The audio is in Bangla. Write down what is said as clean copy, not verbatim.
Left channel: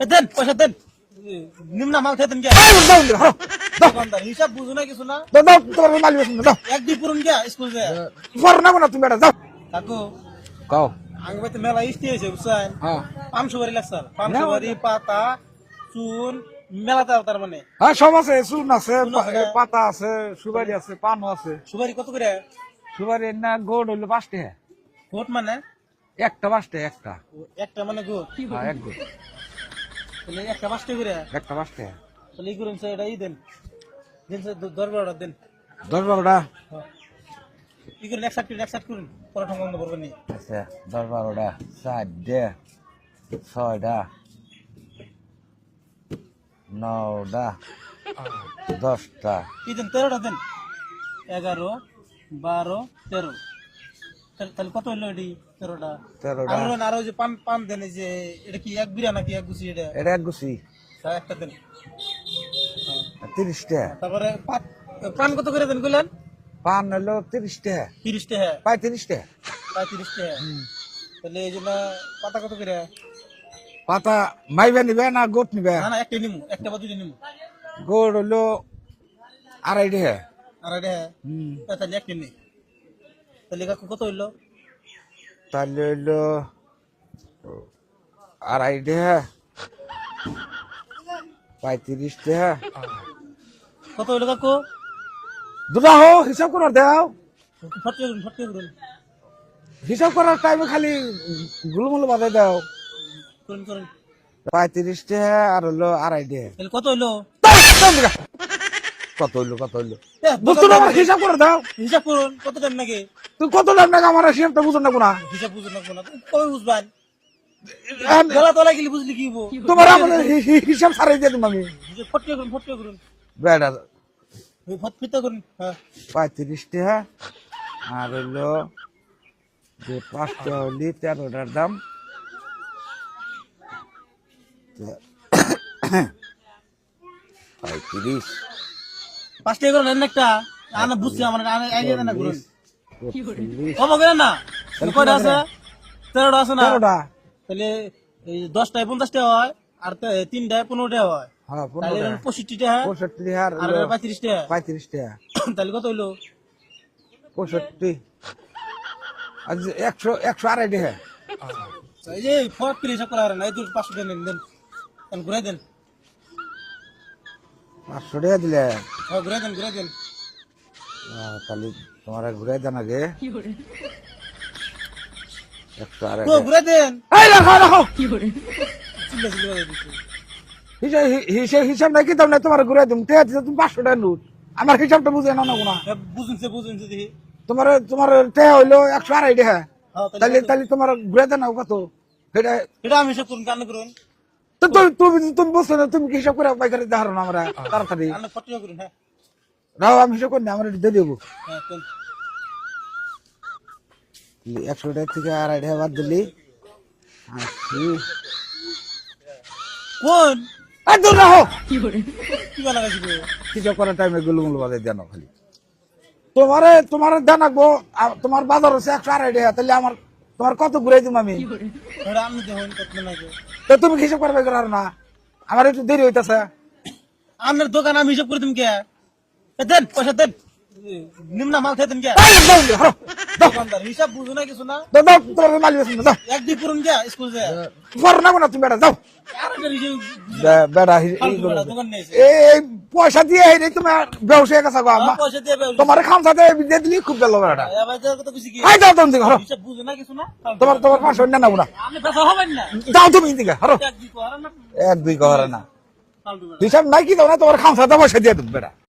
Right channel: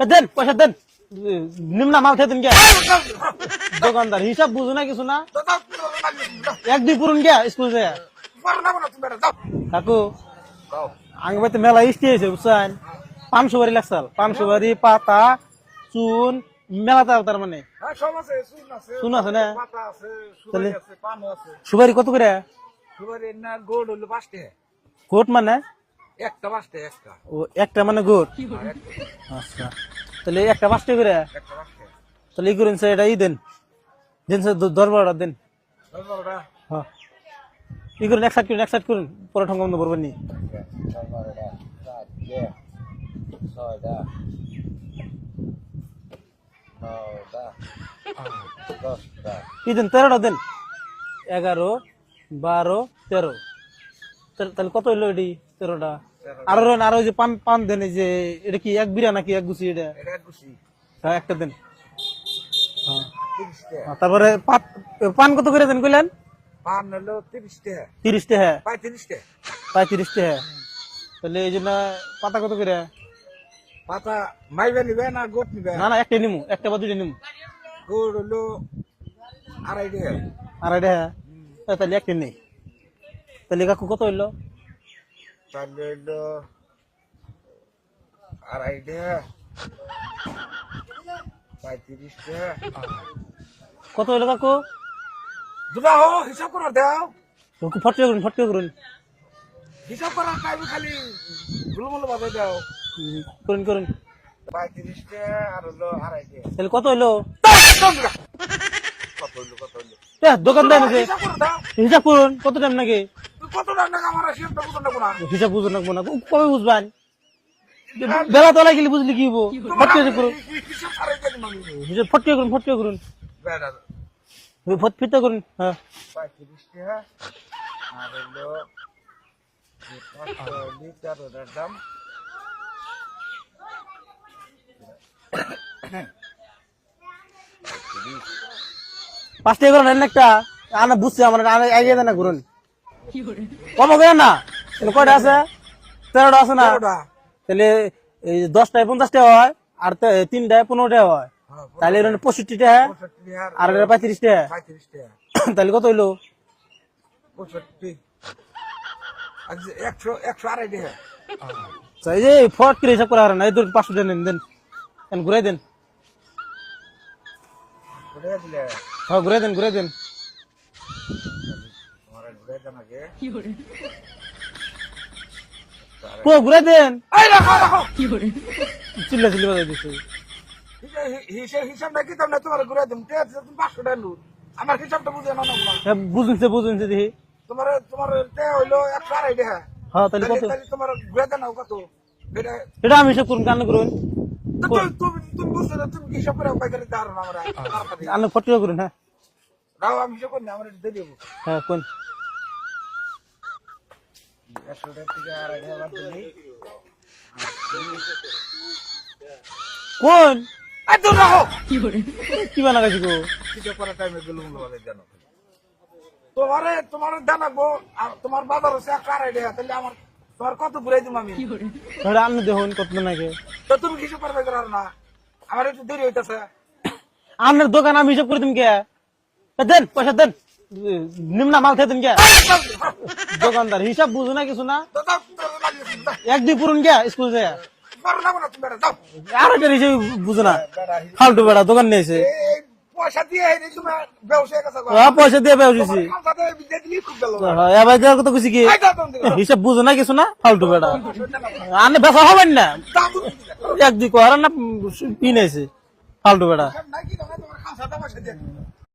দেন পয়সা দেন নিম্না মাল খেতেন কে দোকানদার হিসাব বুঝো না কিছু না এক দুই পুরুন কে স্কুল যে তুমি বেটা যাও কাকু কাও আগে বাইতে মেলা ইস্টি হয়েছে বুঝছেন 500 বারি লাগছাল 500 বারি পাতা চুন মেলা তার মানে হ্যাঁ সব আছে চুন আছে চুন আছে না? পাতা আছে সুপারি আছে পানও আছে সুপারি কত করে সুপারি না গোড় হইলো 5 টাকা গোট মানে একটা 5 টাকা একটা ও একটা মানে গোট হ্যাঁ, এক গোড় আচ্ছা তাহলে একটা 5 টাকা করে একটা 5 টাকা তাহলে ই করেন স্যার এটা ই দেন দেন স্যার 10-12টা দেন 10-12টা হ্যাঁ ই করেন এক সাইড করুন পরে ঠঙ্গ বন্ধ করবেন নি আচ্ছা 10-12টা 4টা 6টা 9টা 10টা কি দেন 13টা দেন 11 12 13 তাহলে কত হইলো এটি 13টা 13টা আর ওই যে পান দেন এই যে এটা কি এক বিড়া নাকি এক গুছি এটা এটা এক গুছি হ্যাঁ একটা দেন 30 টাকা তারপরে পান কত করে দেন কইলেন পান হলো 30 টাকা 30 টাকা 35 টাকা 35 টাকা তাহলে এই জন্য পাতা কত করে পাতা মাইবে নিবে না গোট নিবে না না একটা নিমু একটা বা দুইটা নিমু গোড় হলো 2.5 টাকা আর এটা তাহলে একটা নেই তাহলে কাকু কত হইলো তাহলে হইলো 2.5 টাকা 35 টাকা কত হইলো কাকু দুটো হো হিসাব করে দাও ফটকে করুন হিসাব করার টাইমে খালি গুলুমুলু বাজাই দাও করুন 35 টাকা আর হলো 2.5 টাকা তাহলে কত হইলো কত হইলো দোকানদার হিসাব করে দাও হিসাব করুন কত টাইম নাকি তুই কত দাম টাকা আমার হিসাবটা বুঝুন না কোনা হিসাব বুঝুন না মনে কবে বুঝবেন বেলা তোলা গেলে বুঝলি কি হবো তোমার হিসাব সারাই দিয়ে দিন আমি হিসাব ফটকে করুন বেড়া ফিতে করুন হ্যাঁ 35 টাকা আর হইলো যে 5টা হলি 13টার দাম 35 5 টাকা করেন একটা আনা বুঝছি আমার আগে দেন না করুন কম করে না তাহলে কয়টা আছে 13টা আছে না 13টা তাহলে এই 10টায় 50 টাকা হয় আর 3টায় 15 টাকা হয় হ্যাঁ তাহলে এটা 65 টাকা 65 টাকা আর এটা 35 টাকা 35 টাকা তাহলে কত হইলো 65 আজ 100 টাকা আচ্ছা, এই যে ফট করে হিসাব করা হারেন এই তো 500 টাকা নেন দেন ঘুরাই দেন 500 টাকা দিলে হ্যাঁ ঘুরাই দেন তাহলে তোমার ঘুরাই দেন আগে 100 ও ঘুরাই দেন এই রাখো রাখো চিল্লা বাজাই দিছে হিসাব নাকি তোমরা তোমার ঘুরাই দিম তে তুমি 500 টাকা নোট আমার হিসাবটা বুঝে না না কোনা বুঝুনছে দেখি তোমার তে হইলো 100 টাকা হ্যাঁ তাহলে তাহলে তোমার ঘুরাই দেন কত এটা এটা আমি সব করুন কান্না করুন তো তুমি বলছো না তুমি কি হিসাব করে পাইকারি দাঁড়ানো না আমরা তাড়াতাড়ি কান্না ফটকে করুন হ্যাঁ নাও আমি হিসাব করি না আমরা দিয়ে দেবো হ্যাঁ কোন 100 টাকা থেকে 2.5 টাকা বাদ দিলি কোন একদম রাখো কি বানা গেছি গো হিসাব করার টাইমে গুলুমুলু বাজাই দেন খালি তোমার দেন রাখবো তোমার বাজার হচ্ছে 100 টাকা তাহলে আমার তোমার কত ঘুরাই দিম আমি ওটা আপনি দেখুন কত নাকি তো তুমি হিসাব করবে না আমার একটু দেরি হইতাছে আপনার দোকান আমি হিসাব করে দিন কে দেন পয়সা দেন নিম্না মাল খেতেন কে দোকানদার হিসাব বুঝো না কিছু না তোমার মালিক আছে না এক দুই পুরুন কে স্কুল যে পরে না তুমি বেটা যাও আর একটা হিসাব বুঝো না বেটা ফালতু বেড়া দোকান নিয়েছে এই পয়সা দিয়ে এই তোমার ব্যবসায় গেছে পয়সা দিয়ে বেউছি তোমার খামসা দিয়ে দিলি খুব ভালো বেটা এবার দেওয়ার কথা কইছি কি যাও তুমি দিকে হিসাব বুঝো না কিছু না ফালতু বেড়া তোমার 500 না না আপনি বেচা হবেন না যাও তুমি দিকে এক দুই করার না এক দুই করার না। কিনেছে ফালতু বেড়া হিসাব নাই কি দাও না তোমার খামসা পয়সা দিয়ে দেব বেটা